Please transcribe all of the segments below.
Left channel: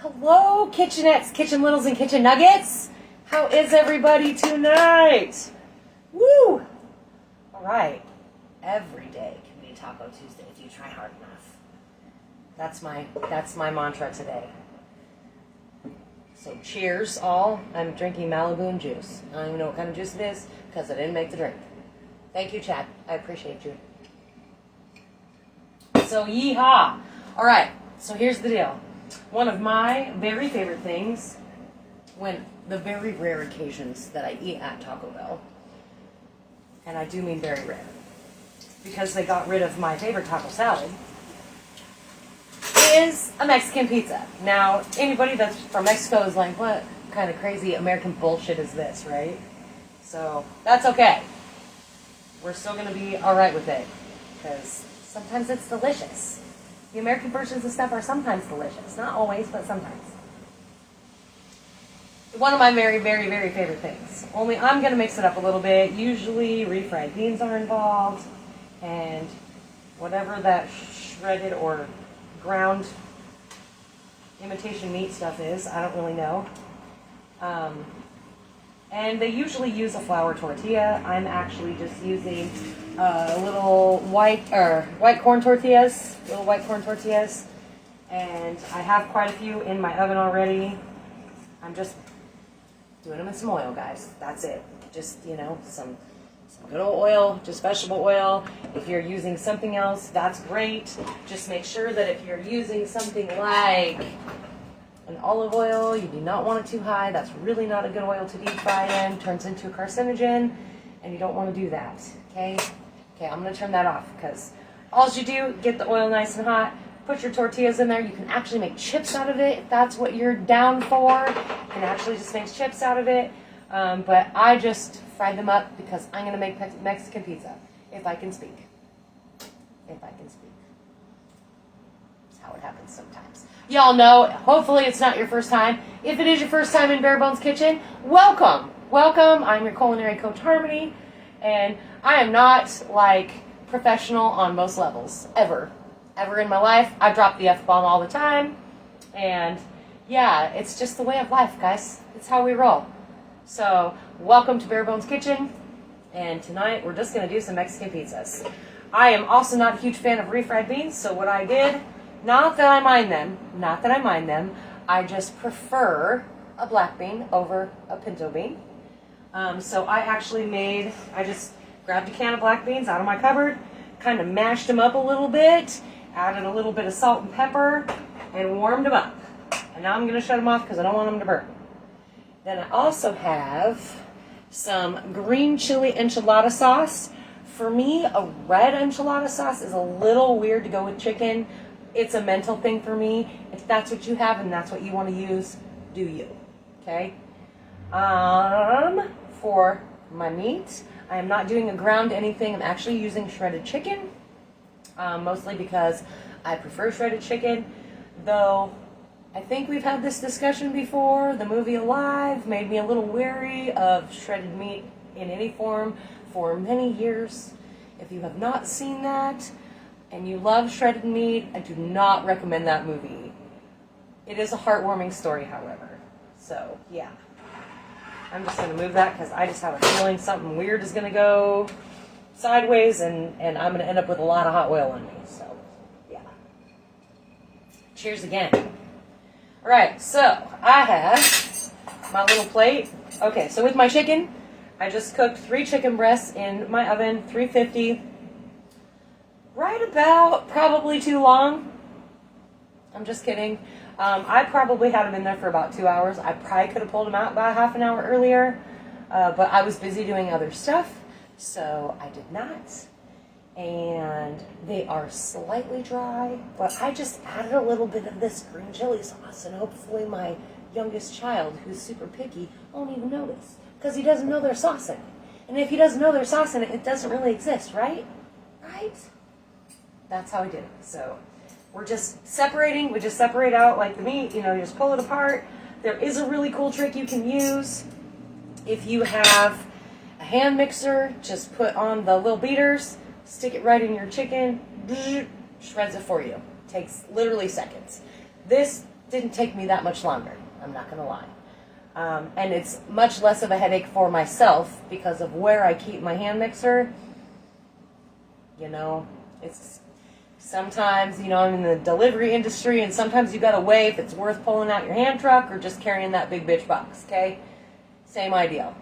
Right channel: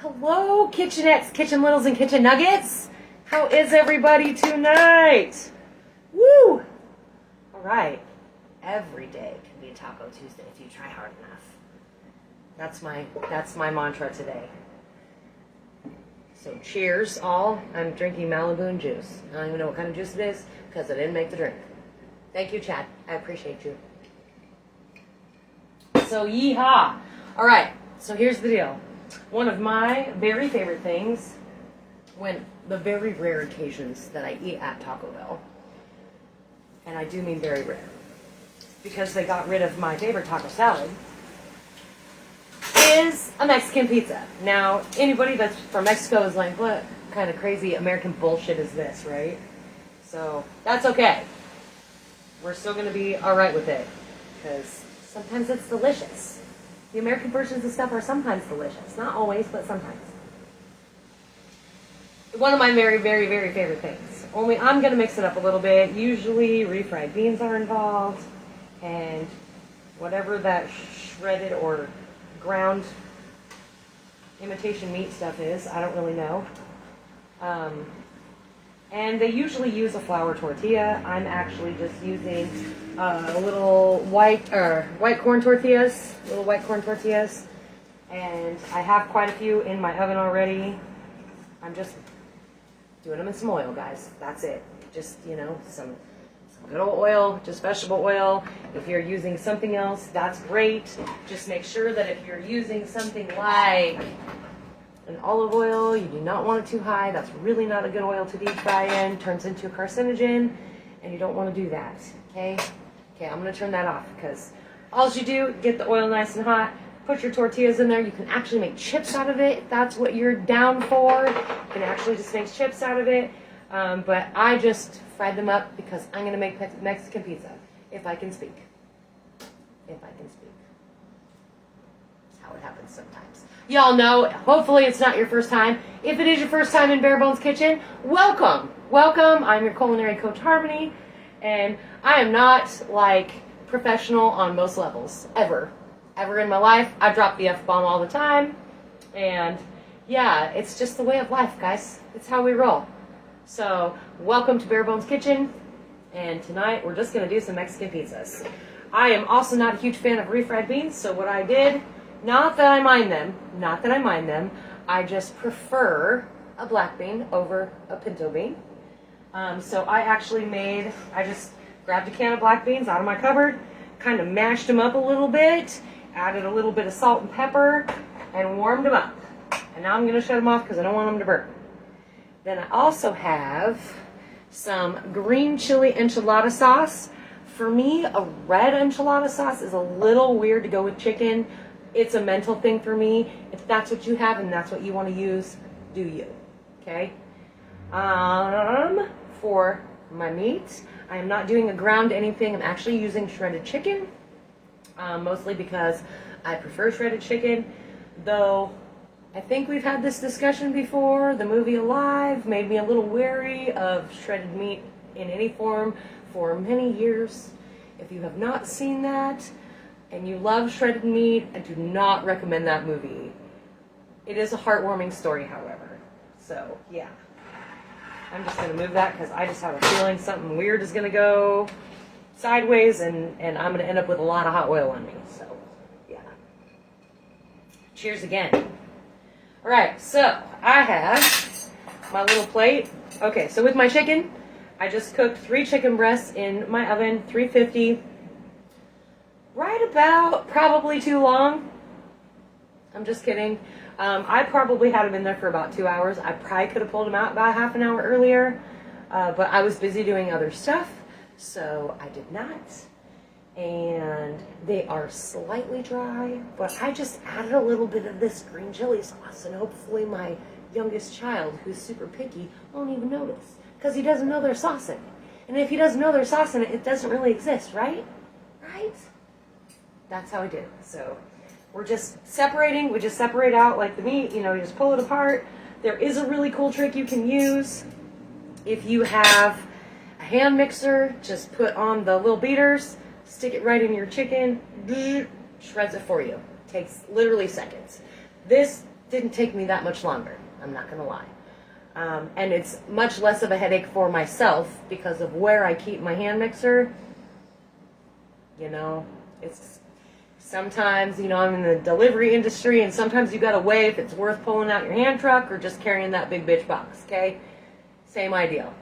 Hello, kitchenettes, kitchen littles, and kitchen nuggets. How is everybody tonight? Woo! All right. Every day can be Taco Tuesday if you try hard enough. That's my mantra today. So cheers, all. I'm drinking Malibu and juice. I don't even know what kind of juice it is because I didn't make the drink. Thank you, Chad. I appreciate you. So yeehaw! All right. So here's the deal. One of my very favorite things, when the very rare occasions that I eat at Taco Bell, and I do mean very rare, because they got rid of my favorite taco salad, is a Mexican pizza. Now, anybody that's from Mexico is like, what kind of crazy American bullshit is this, right? So, that's okay. We're still going to be alright with it, because sometimes it's delicious. The American versions of stuff are sometimes delicious. Not always, but sometimes. One of my very, very, very favorite things. Only I'm going to mix it up a little bit. Usually refried beans are involved. And whatever that shredded or ground imitation meat stuff is, I don't really know. And they usually use a flour tortilla. I'm actually just using little white corn tortillas, and I have quite a few in my oven already. I'm just doing them in some oil, guys. That's it. Just, some good old oil, just vegetable oil. If you're using something else, that's great. Just make sure that if you're using something like an olive oil, you do not want it too high. That's really not a good oil to deep fry in. Turns into a carcinogen, and you don't want to do that, okay? Okay, I'm going to turn that off, because all you do, get the oil nice and hot, put your tortillas in there. You can actually make chips out of it if that's what you're down for. You can actually just make chips out of it, but I just fried them up because I'm going to make Mexican pizza, if I can speak. If I can speak. That's how it happens sometimes. Y'all know, hopefully it's not your first time. If it is your first time in Bare Bones Kitchen, welcome. Welcome. I'm your culinary coach, Harmony, and I am not like professional on most levels, ever. Ever in my life. I drop the F-bomb all the time, and yeah, it's just the way of life, guys. It's how we roll. So, welcome to Bare Bones Kitchen, and tonight we're just going to do some Mexican pizzas. I am also not a huge fan of refried beans, so what I did, not that I mind them, I just prefer a black bean over a pinto bean. So I just grabbed a can of black beans out of my cupboard, kind of mashed them up a little bit, added a little bit of salt and pepper, and warmed them up. And now I'm going to shut them off because I don't want them to burn. Then I also have some green chili enchilada sauce. For me, a red enchilada sauce is a little weird to go with chicken. It's a mental thing for me. If that's what you have and that's what you want to use, do you. Okay? For my meat, I am not doing a ground anything. I'm actually using shredded chicken, mostly because I prefer shredded chicken, though I think we've had this discussion before. The movie Alive made me a little wary of shredded meat in any form for many years. If you have not seen that and you love shredded meat, I do not recommend that movie. It is a heartwarming story, however. So, yeah. I'm just going to move that because I just have a feeling something weird is going to go sideways, and I'm going to end up with a lot of hot oil on me. So, yeah. Cheers again. All right, so I have my little plate. Okay, so with my chicken, I just cooked 3 chicken breasts in my oven, 350. Right about probably too long. I'm just kidding. I probably had them in there for about 2 hours. I probably could have pulled them out about half an hour earlier, but I was busy doing other stuff, so I did not. And they are slightly dry, but I just added a little bit of this green chili sauce, and hopefully my youngest child, who's super picky, won't even notice, because he doesn't know there's sauce in it. And if he doesn't know there's sauce in it, it doesn't really exist, right? Right? That's how I did it. So we're just separating. We just separate out like the meat. You just pull it apart. There is a really cool trick you can use. If you have a hand mixer, just put on the little beaters, stick it right in your chicken, shreds it for you. Takes literally seconds. This didn't take me that much longer. I'm not going to lie. And it's much less of a headache for myself because of where I keep my hand mixer. You know, it's sometimes, you know, I'm in the delivery industry, and sometimes you got to weigh if it's worth pulling out your hand truck or just carrying that big bitch box, okay? Same ideal.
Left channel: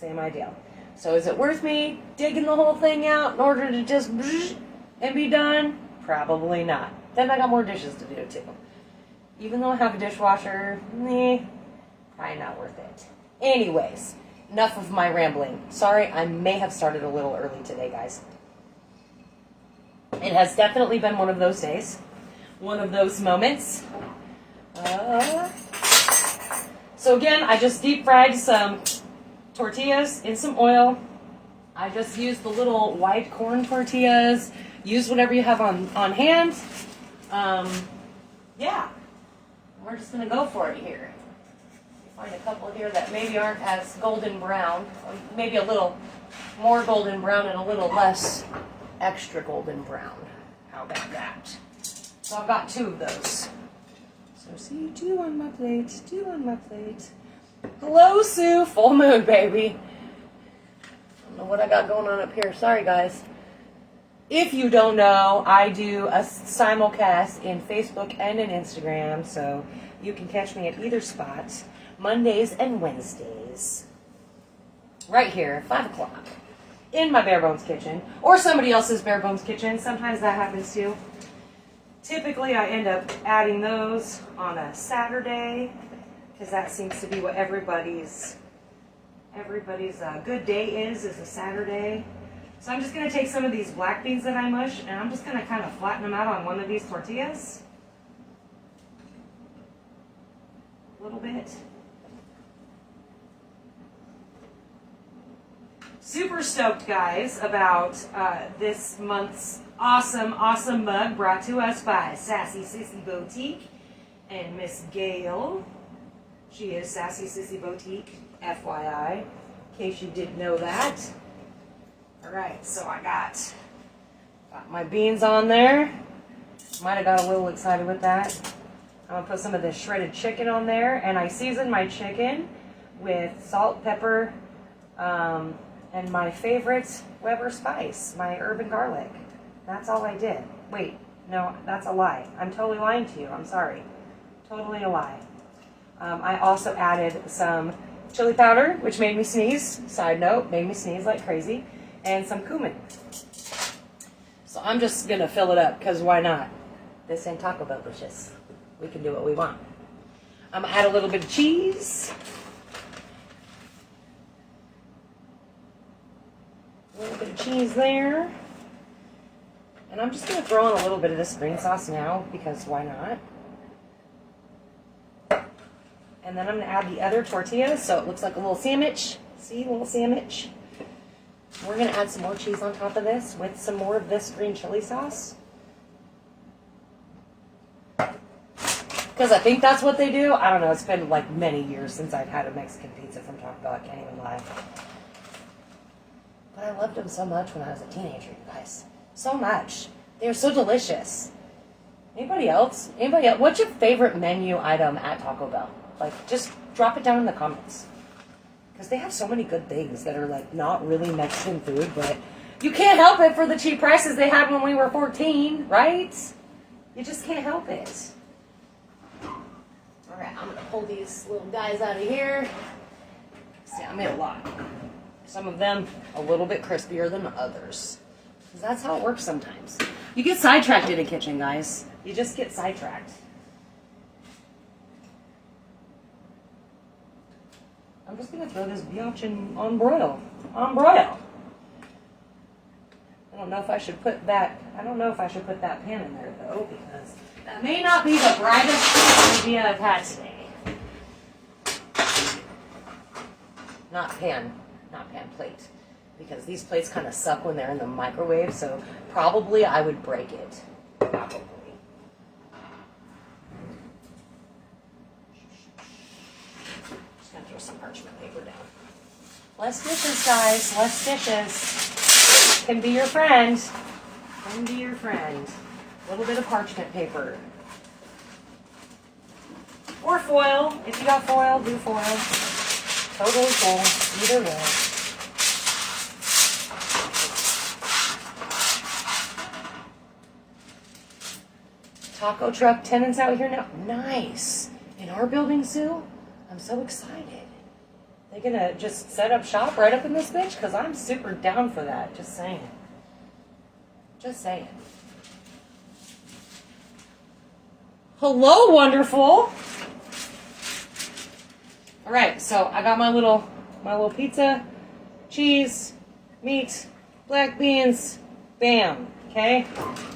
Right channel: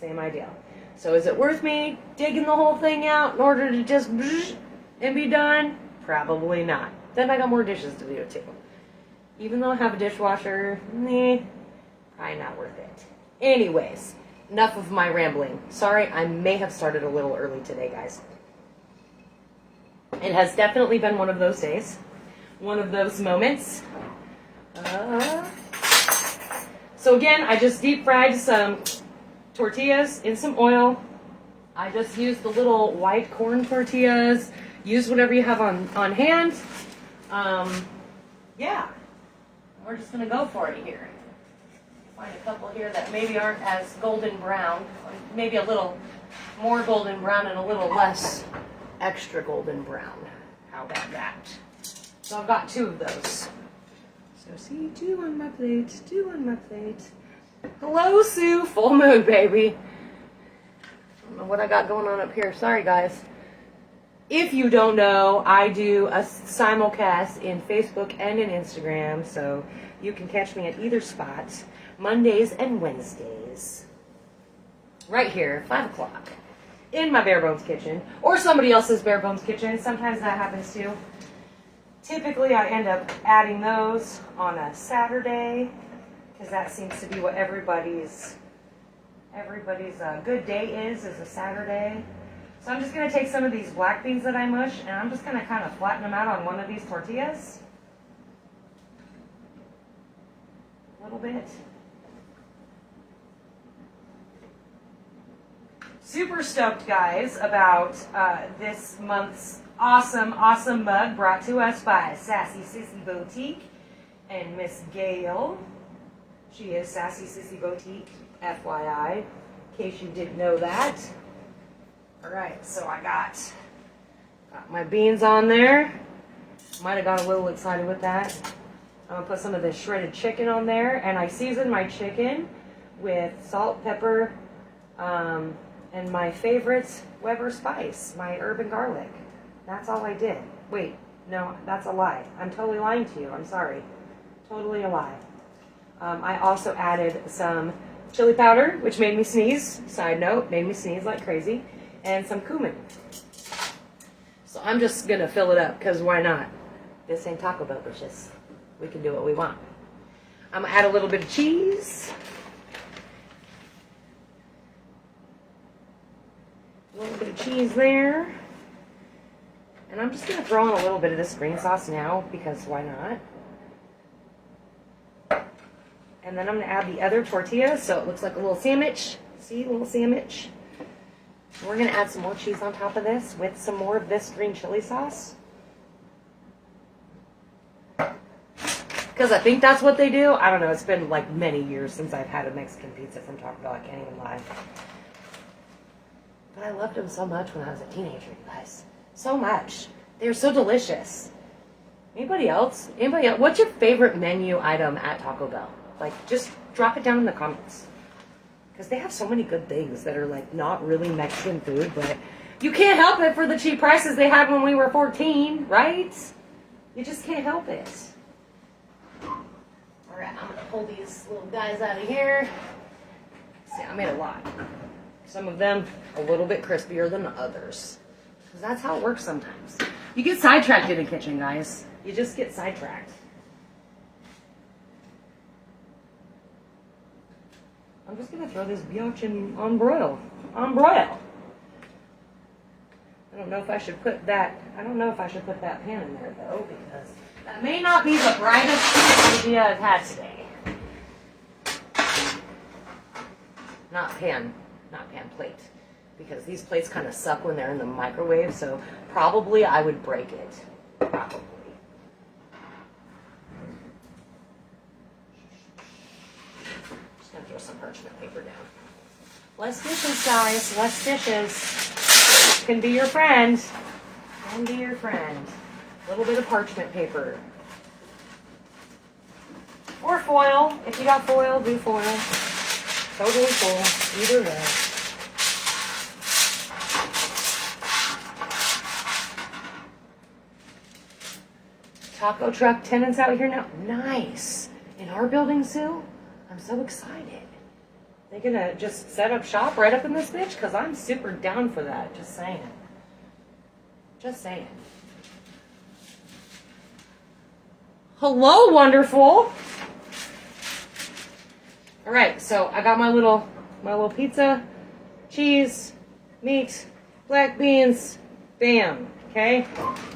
Same ideal. So is it worth me digging the whole thing out in order to just and be done? Probably not. Then I got more dishes to do too. Even though I have a dishwasher, probably not worth it. Anyways, enough of my rambling. Sorry, I may have started a little early today, guys. It has definitely been one of those days. One of those moments. So again, I just deep fried some tortillas in some oil. I just used the little white corn tortillas. Use whatever you have on hand. Yeah. We're just going to go for it here. Find a couple here that maybe aren't as golden brown. Or maybe a little more golden brown and a little less extra golden brown. How about that? So I've got 2 of those. So see, 2 on my plate, 2 on my plate. Hello, Sue. Full moon, baby. I don't know what I got going on up here. Sorry, guys. If you don't know, I do a simulcast in Facebook and in Instagram, so you can catch me at either spot, Mondays and Wednesdays. Right here, 5 o'clock, in my Bare Bones kitchen, or somebody else's Bare Bones kitchen. Sometimes that happens too. Typically, I end up adding those on a Saturday, because that seems to be what everybody's good day is a Saturday. So I'm just going to take some of these black beans that I mush, and I'm just going to kind of flatten them out on one of these tortillas. A little bit. Super stoked, guys, about this month's awesome mug brought to us by Sassy Sissy Boutique and Miss Gail. She is Sassy Sissy Boutique, FYI, in case you didn't know that. Alright, so I got my beans on there. Might have got a little excited with that. I'm going to put some of this shredded chicken on there. And I seasoned my chicken with salt, pepper, and my favorite Weber spice, my herb and garlic. That's all I did. Wait, no, that's a lie. I'm totally lying to you. I'm sorry. Totally a lie. I also added some chili powder, which made me sneeze. Side note, made me sneeze like crazy. And some cumin. So I'm just going to fill it up, because why not? This ain't Taco Bell delicious. We can do what we want. I'm going to add a little bit of cheese. A little bit of cheese there. And I'm just going to throw in a little bit of this green sauce now, because why not? And then I'm going to add the other tortillas, so it looks like a little sandwich. See, a little sandwich. We're going to add some more cheese on top of this with some more of this green chili sauce. Because I think that's what they do. I don't know. It's been like many years since I've had a Mexican pizza from Taco Bell. I can't even lie. But I loved them so much when I was a teenager, you guys. So much. They're so delicious. Anybody else? Anybody else? What's your favorite menu item at Taco Bell? Like, just drop it down in the comments. Because they have so many good things that are, like, not really Mexican food, but you can't help it for the cheap prices they had when we were 14, right? You just can't help it. All right, I'm going to pull these little guys out of here. See, I made a lot. Some of them a little bit crispier than others. Because that's how it works sometimes. You get sidetracked in a kitchen, guys. You just get sidetracked. I'm just going to throw this biatch on broil. On broil. I don't know if I should put that pan in there, though, because that may not be the brightest idea I've had today. Not pan plate. Because these plates kind of suck when they're in the microwave, so probably I would break it. Probably. Throw some parchment paper down. Less dishes, guys. Less dishes. Can be your friend. Can be your friend. A little bit of parchment paper. Or foil. If you got foil, do foil. Totally cool. Either way. Taco truck tenants out here now. Nice. In our building, Sue? I'm so excited. They gonna just set up shop right up in this bitch? Because I'm super down for that. Just saying. Just saying. Hello, wonderful. All right, so I got my little pizza, cheese, meat, black beans, bam. Okay.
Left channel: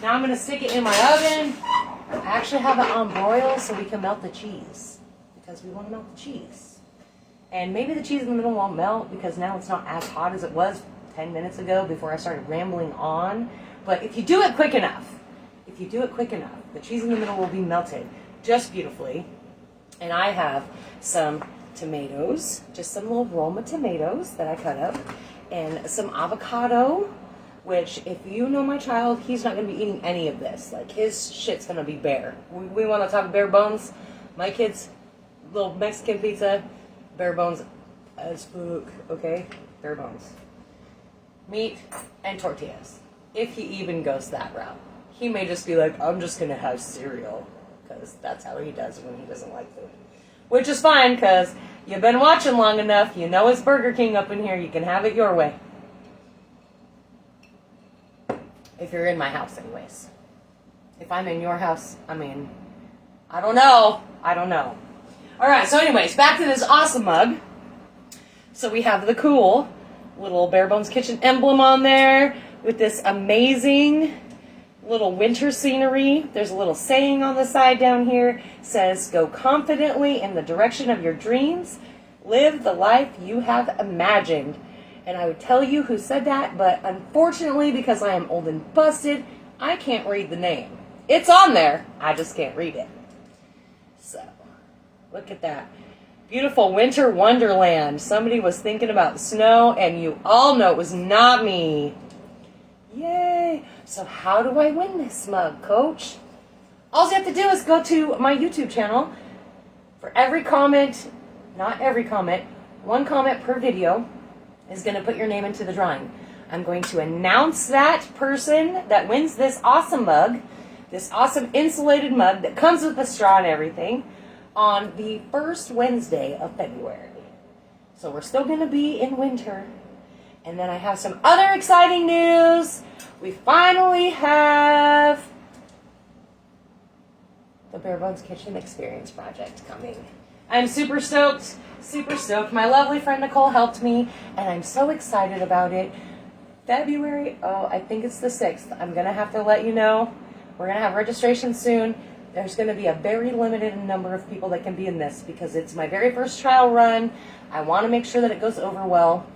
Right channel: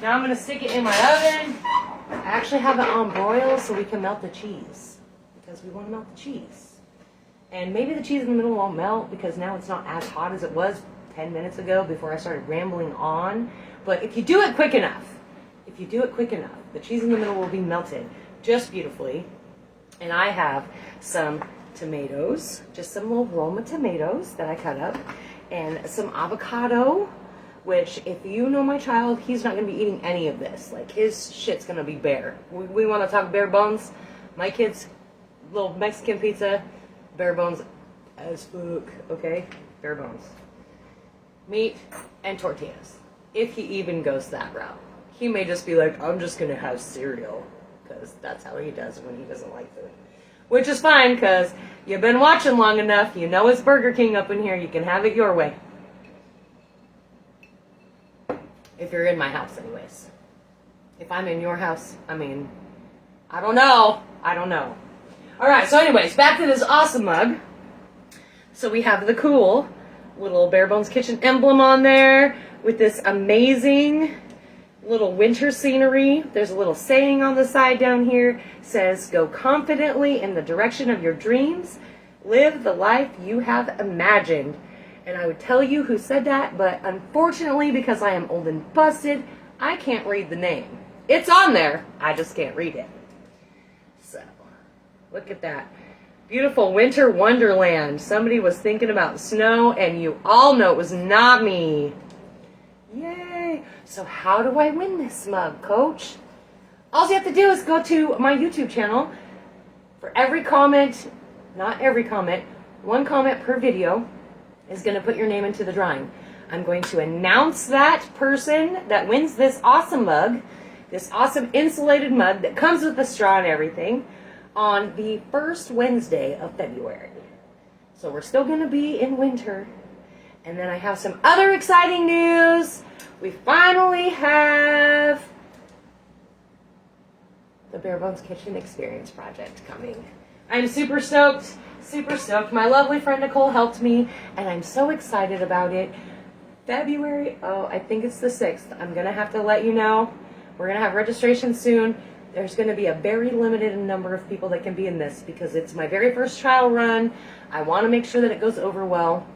Now I'm gonna stick it in my oven. I actually have it on broil so we can melt the cheese because we want to melt the cheese. And maybe the cheese in the middle won't melt because now it's not as hot as it was 10 minutes ago before I started rambling on. But if you do it quick enough, the cheese in the middle will be melted just beautifully. And I have some tomatoes, just some little Roma tomatoes that I cut up, and some avocado, which if you know my child, he's not going to be eating any of this. Like, his shit's going to be bare. We want to talk bare bones. My kids, little Mexican pizza, bare bones as fuck, okay? Bare bones. Meat and tortillas. If he even goes that route. He may just be like, I'm just going to have cereal, because that's how he does when he doesn't like food. Which is fine, because you've been watching long enough. You know it's Burger King up in here. You can have it your way. If you're in my house, anyways. If I'm in your house, I mean, I don't know. All right, so anyways, back to this awesome mug. So we have the cool little Bare Bones Kitchen emblem on there with this amazing little winter scenery. There's a little saying on the side down here. It says, go confidently in the direction of your dreams. Live the life you have imagined. And I would tell you who said that, but unfortunately, because I am old and busted, I can't read the name. It's on there, I just can't read it. So, look at that. Beautiful winter wonderland. Somebody was thinking about snow, and you all know it was not me. Yay! So how do I win this mug, Coach? All you have to do is go to my YouTube channel. For every comment, not every comment, one comment per video is going to put your name into the drawing. I'm going to announce that person that wins this awesome mug, this awesome insulated mug that comes with a straw and everything, on the first Wednesday of February. So we're still going to be in winter. And then I have some other exciting news. We finally have the Bare Bones Kitchen Experience Project coming. I'm super stoked. Super stoked. My lovely friend Nicole helped me, and I'm so excited about it. February, I think it's the 6th. I'm going to have to let you know. We're going to have registration soon. There's going to be a very limited number of people that can be in this because it's my very first trial run. I want to make sure that it goes over well.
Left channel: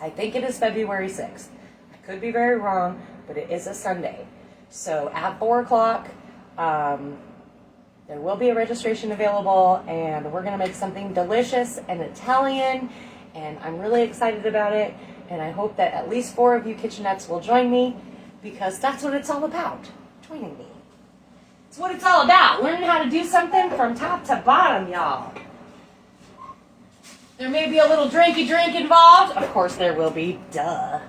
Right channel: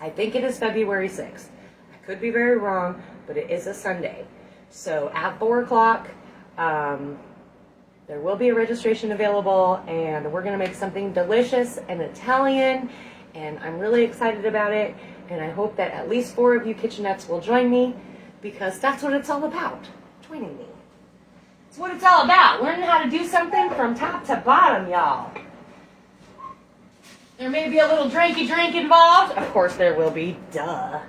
I think it is February 6th. I could be very wrong, but it is a Sunday. So at 4 o'clock, there will be a registration available, and we're going to make something delicious and Italian, and I'm really excited about it, and I hope that at least 4 of you kitchenettes will join me, because that's what it's all about, joining me. It's what it's all about, learning how to do something from top to bottom, y'all. There may be a little drinky drink involved. Of course there will be, duh.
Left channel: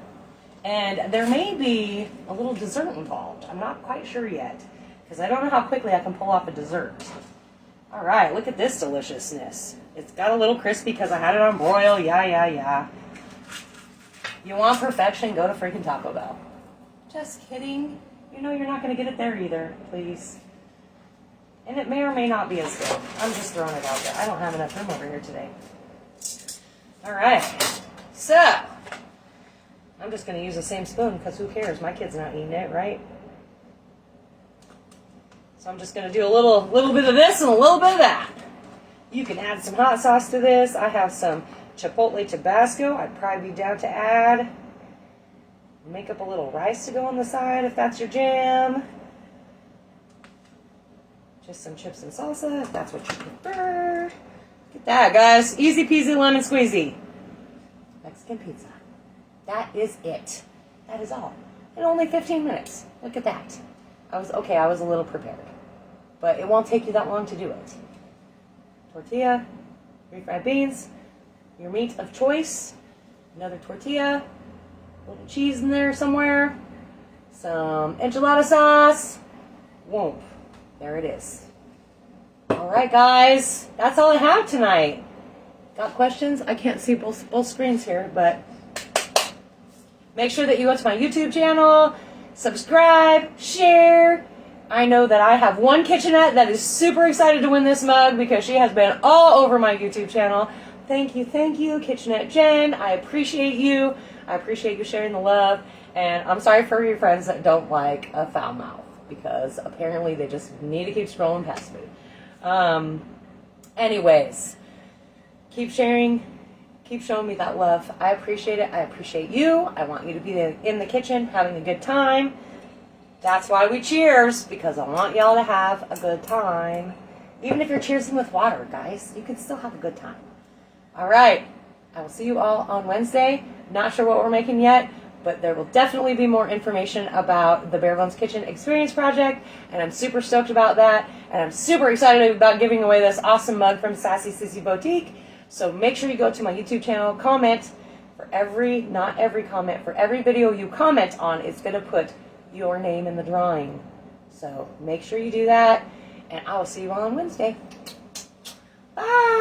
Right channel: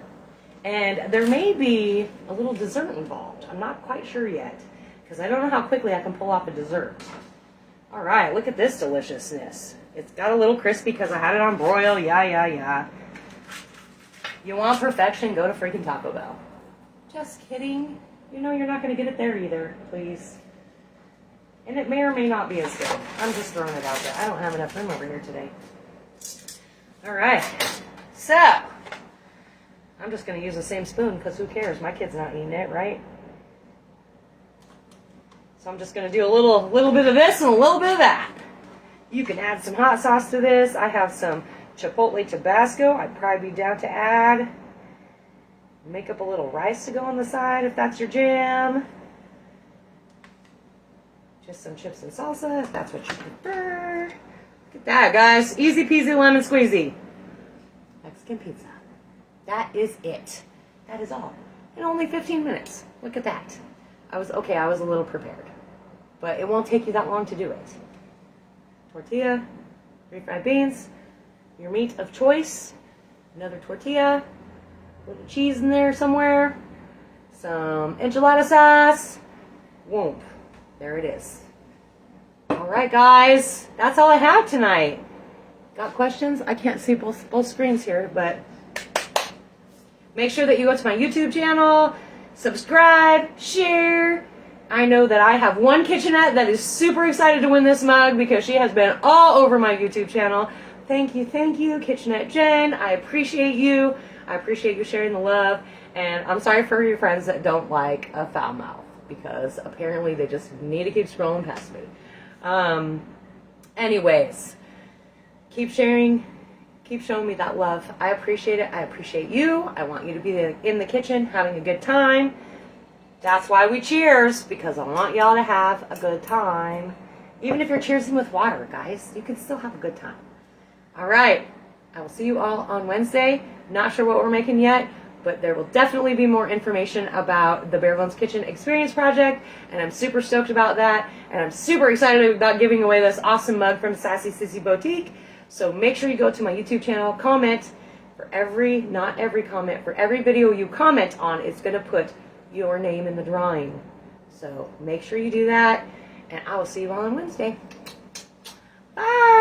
And there may be a little dessert involved. I'm not quite sure yet, because I don't know how quickly I can pull off a dessert. All right, look at this deliciousness. It's got a little crispy because I had it on broil. Yeah. You want perfection, go to freaking Taco Bell. Just kidding. You know you're not going to get it there either, please. And it may or may not be as good. I'm just throwing it out there. I don't have enough room over here today. All right. So, I'm just going to use the same spoon because who cares? My kid's not eating it, right? So I'm just going to do a little bit of this and a little bit of that. You can add some hot sauce to this. I have some Chipotle Tabasco I'd probably be down to add. Make up a little rice to go on the side if that's your jam. Just some chips and salsa if that's what you prefer. Look at that, guys. Easy peasy lemon squeezy. Mexican pizza. That is it. That is all. In only 15 minutes. Look at that. I was a little prepared. But it won't take you that long to do it. tortilla, refried beans, your meat of choice, another tortilla, a little cheese in there somewhere, some enchilada sauce. Whoop. There it is. All right, guys. That's all I have tonight. Got questions? I can't see both screens here, but make sure that you go to my YouTube channel, subscribe, share. I know that I have one kitchenette that is super excited to win this mug because she has been all over my YouTube channel. Thank you, Kitchenette Jen. I appreciate you. I appreciate you sharing the love. And I'm sorry for your friends that don't like a foul mouth, because apparently they just need to keep scrolling past food. Anyways, keep sharing, keep showing me that love. I appreciate it. I appreciate you. I want you to be in the kitchen having a good time. That's why we cheers, because I want y'all to have a good time. Even if you're cheersing with water, guys, you can still have a good time. All right. I will see you all on Wednesday. Not sure what we're making yet, but there will definitely be more information about the Bare Bones Kitchen Experience Project, and I'm super stoked about that, and I'm super excited about giving away this awesome mug from Sassy Sissy Boutique. So make sure you go to my YouTube channel, comment. For every video you comment on, it's going to put your name in the drawing. So make sure you do that, and I will see you all on Wednesday. Bye!